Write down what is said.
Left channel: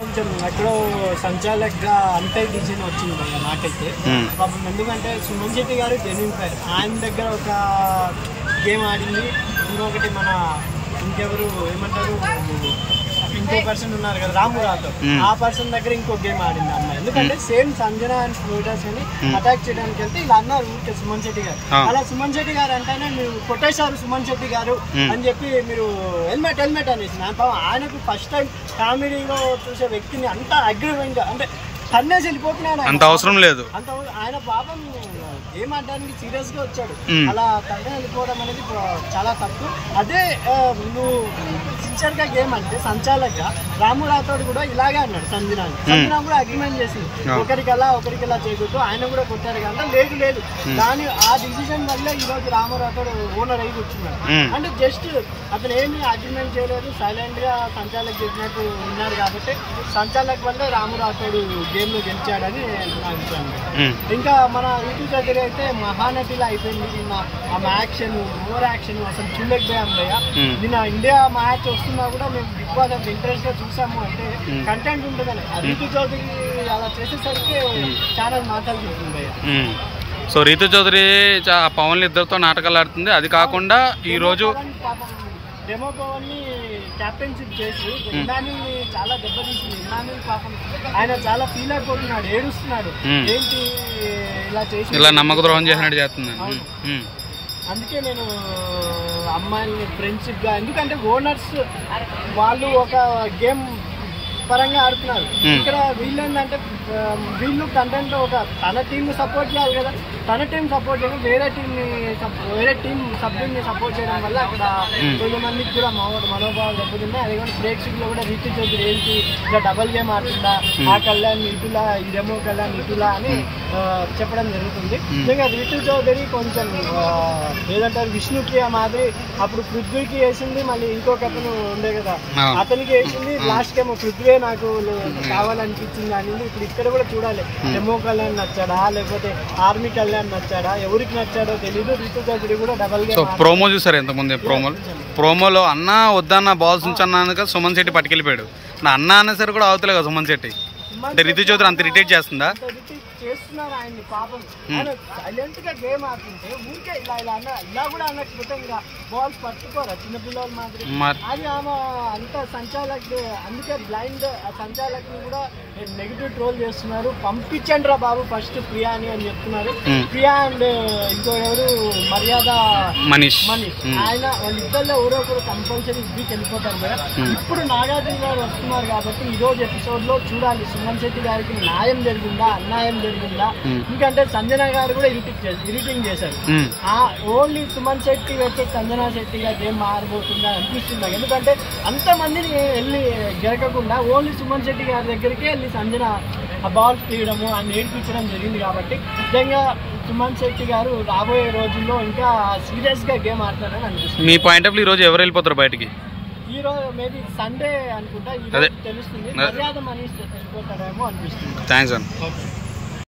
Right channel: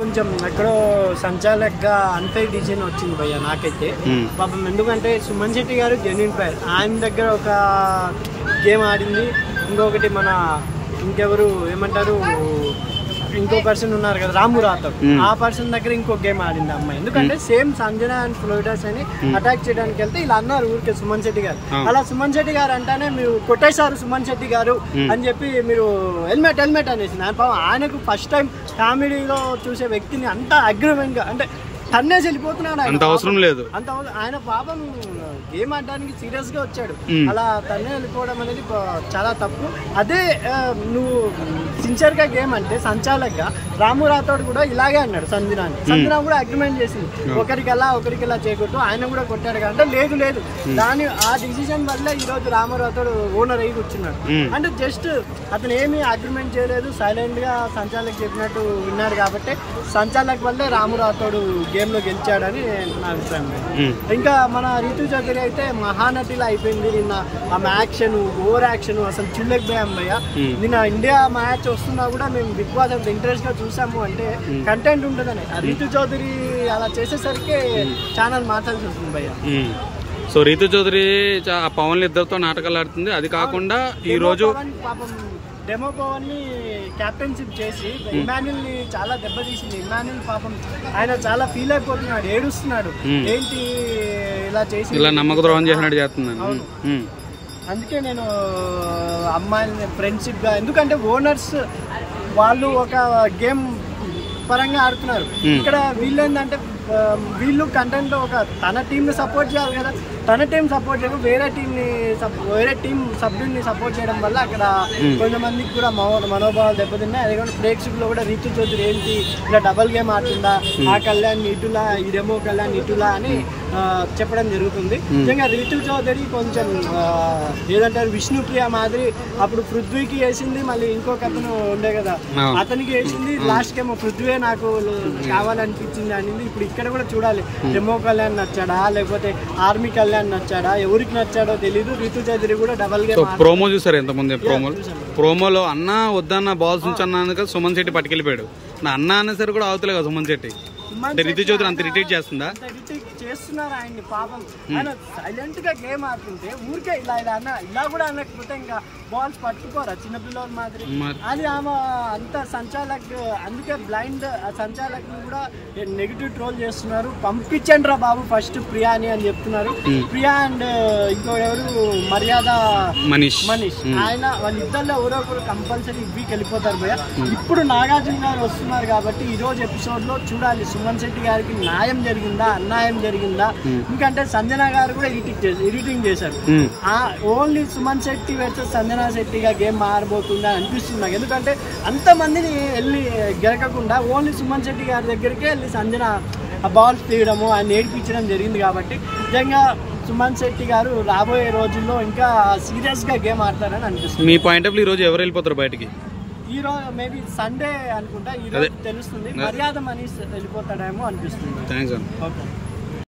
కొంచెం ఎక్కడో సంచాలకుగా అంతే డిసిజన్ వచ్చింది భయ్య నాకైతే పాపం. ఎందుకంటే సుమన్ శెట్టి గారు జెన్యూన్ ప్లేయర్, ఆయన దగ్గర ఒక గేమ్ ఆడింది, ఇంకొకటి మన ఇంకెవరు ఏమంటారు ఇంకో పర్సన్ ఉన్నారు కదా రాము రాథోడ్, ఆ పర్సన్ దగ్గర ఇంకో గేమ్ ఆడింది అమ్మాయి. ఎందుకంటే సేమ్ సంజన అండ్ ఫ్లోయిడర్స్ అని అటాక్ చేయడానికి వెళ్తే ఇలా అన్నారు ఊరికే సుమన్ శెట్టి గారు. అలా సుమన్ శెట్టి గారు అంటేనే మీరు కొట్టేశారు సుమన్ శెట్టి గారు అని చెప్పి మీరు హెల్మెట్ హెల్మెట్ అనేసి ఆయనకు ఫస్ట్ టైం కామెడీలో చూసే వ్యక్తిని అంత అగ్రెసివ్ గా అంటే తన్నేసి వెళ్ళిపోతున్నాడు. అంత అవసరం లేదు, అంత ఆయన పాపం గేమ్ ఆడడానికి సీరియస్ గా వచ్చాడు, అలా తన్నే వెళ్ళిపోవడం అనేది చాలా తప్పు. అదే నువ్వు సిన్సియర్ గా గేమ్ అంటే సంచాలకుగా రాము రాథోడ్ కూడా ఇలాగే అన్నాడు సంజన కూడా అగ్రిమెంట్ చేసి ఒకరికెలా చేయకూడదు, ఆయన కూడా కొట్టాడు అంటే లేదు లేదు దాని ఆ డిసిజన్ వల్ల ఈ రోజు రాము రాథోడ్ ఓనర్ అయ్యి కూర్చున్నాడు. అంటే జస్ట్ అతను ఏమి అగ్రిమెంట్ చేయలేదు, సైలెంట్ గా సంచాలక్ చెప్పినట్టు ఉన్నాడు కాబట్టి సంచాలక్ వల్ల రాము రాథోడ్ గేమ్ లో గెలిచాడని నా అభిప్రాయం. ఇంకా మన రీతు చౌదరి అయితే మహానటిలా అయిపోయింది. నిన్న ఆమె యాక్షన్ ఓవర్ యాక్షన్ అసలు చూడలేకపోయాం భయ్య. నిన్న ఇండియా మ్యాచ్ వస్తున్నా కూడా మేము బిగ్ బాస్ అంత ఇంట్రెస్ట్ గా చూసాము అంటే కంటెంట్ ఉంటుందని. రీతు చౌదరి అలా చేసేసరికి ఛానల్ మాట్లాడుతుంది భయ్య. సో రీతు చౌదరి పవన్ ఇద్దరితో నాటకాలు ఆడుతుంది. అది కాకుండా ఈ రోజు పాపం డెమో పవన్ ని క్యాప్టెన్షిప్ చేసి ఇమాన్యుల్ ని చాలా దెబ్బతీసింది. ఇమాన్యుల్ పాపం ఆయన చాలా ఫీల్ అయిపోతున్నాడు, ఏడుస్తున్నాడు, ఏంటి ఇలా చేసి ఇలా నమ్మక ద్రోహం చేసినట్టు చేస్తున్నాను. అందుకే నేను అమ్మాయిని ఫ్రెండ్షిప్ గా, ఎందుకంటే ఓనర్స్ వాళ్ళు ఒక గేమ్ పరంగా ఆడుతున్నారు. ఇక్కడ వీళ్ళు ఏంటంటే వీళ్ళు కంటెంట్ ఒక తన టీంని సపోర్ట్ చేయాలి కదా, తన టీం సపోర్ట్ చేయడం వేరే టీం సభ్యుల్ని సపోర్ట్ చేయడం వల్ల అక్కడ కొంతమందికి కూడా మనోభావాలు దెబ్బతిన్నాయి. అదే కానీ ప్రేక్షకులు కూడా రీతు చౌదరి ఏంటి ఇలా డబల్ గేమ్ ఆడుతుందా, ఆ కళ్యాణ్ ఇటులా ఇదేమో కళ్యాణ్ ఇటులా అని చెప్పడం జరుగుతుంది. నిజంగా రీతు చౌదరి కొంచెం ఏదంటారు విష్ణుప్రియ మాదిరి అప్పుడు పృథ్వీకి వేసింది, మళ్ళీ ఇంకొక అతను ఉండే కదా అతనికి వేసింది, లాస్ట్ ఏమో పృథ్వీ నాకు కావాలనిపించింది అనేది. ఇప్పుడు ఇక్కడ కూడా చూడాలి డెమో కళ్యాణ్ నచ్చాడా లేకపోతే ఆర్మీ కళ్యాణ్ నచ్చాడా, ఎవరికి నచ్చాడో తెలీదు. రీతు చౌదరి కూడా డబల్ గేమ్ ప్రోమో చూసారు ఎంతమంది ప్రోమోలో అన్న వద్దన్న బాల్స్ ఉంచన్నాక సుమన్ శెట్టి పట్టుకెళ్ళిపోయాడు. నా అన్న అన్న సరే కూడా అవుతలే కదా సుమన్ శెట్టి. రీతు చౌదరి అంత ఇరిటేట్ చేస్తుందా? చేస్తున్నారు ఆయన్ని పాపం. ఆయన సైలెంట్ గా గేమ్ ఆడుతుంటే ఊరికే ఇలా కూడా అనకపోతే ఇంకా బాల్స్ పట్టుకోరా చిన్నపిల్లల మాదిరి. అది ఆమె అంత సంచాలక్, అందుకే బ్లైండ్ సంచాలక్ కూడా నెగిటివ్ ట్రోల్ చేస్తున్నారు. పంపించండి రా బాబు ఫస్ట్ ప్రియాని అని చెప్తున్నారు. ప్రియా అండ్ ఇంకో ఎవరు మర్యాద మనీష్ ఆయన వాళ్ళిద్దరిలో ఎవరో ఒకరు కంపల్సరీ వీక్ వెళ్ళిపోతారు భయ్య. ఇప్పుడు నాగార్జున గారు వస్తున్నారు కాబట్టి ఈ రోజు ఎపిసోడ్ లో చూడాలి సుమన్ శెట్టి గారికి న్యాయం జరిగిందా అన్యాయం జరిగిందా. ఎందుకంటే సంజన గారు కూడా ఎడిటింగ్ చేశారు. ఓన్లీ సుమన్ శెట్టి వర్సెస్ సంజన శెట్టిగా గేమ్ మారబోతుందా అనిపిస్తుంది నాకు. ఎందుకంటే అంతమందిని వెళ్ళి గెలకకుండా ఓన్లీ సుమన్ శెట్టి గారి దగ్గరికే వెళ్ళి సంజన ఆ బాల్స్ తీయడము ఆయన ఏడిపించడం జరిగింది. కాబట్టి నిజంగా సుమన్ శెట్టి గారు రాబోయే రోజుల్లో ఇంకా సీరియస్ గా గేమ్ ఆడతారని అనిపిస్తుంది. మీ పాయింట్ ఆఫ్ వ్యూ ఈ రోజు ఎవరు వెళ్ళిపోతారు బయటికి? ఈ రోజు మేబీ సండే అనుకుంటా, ఈ రోజు తెలుస్తుంది. మర్యాద మనీష్ వెళ్ళిపోతాడేమో అనిపిస్తుంది. థ్యాంక్స్ అన్న.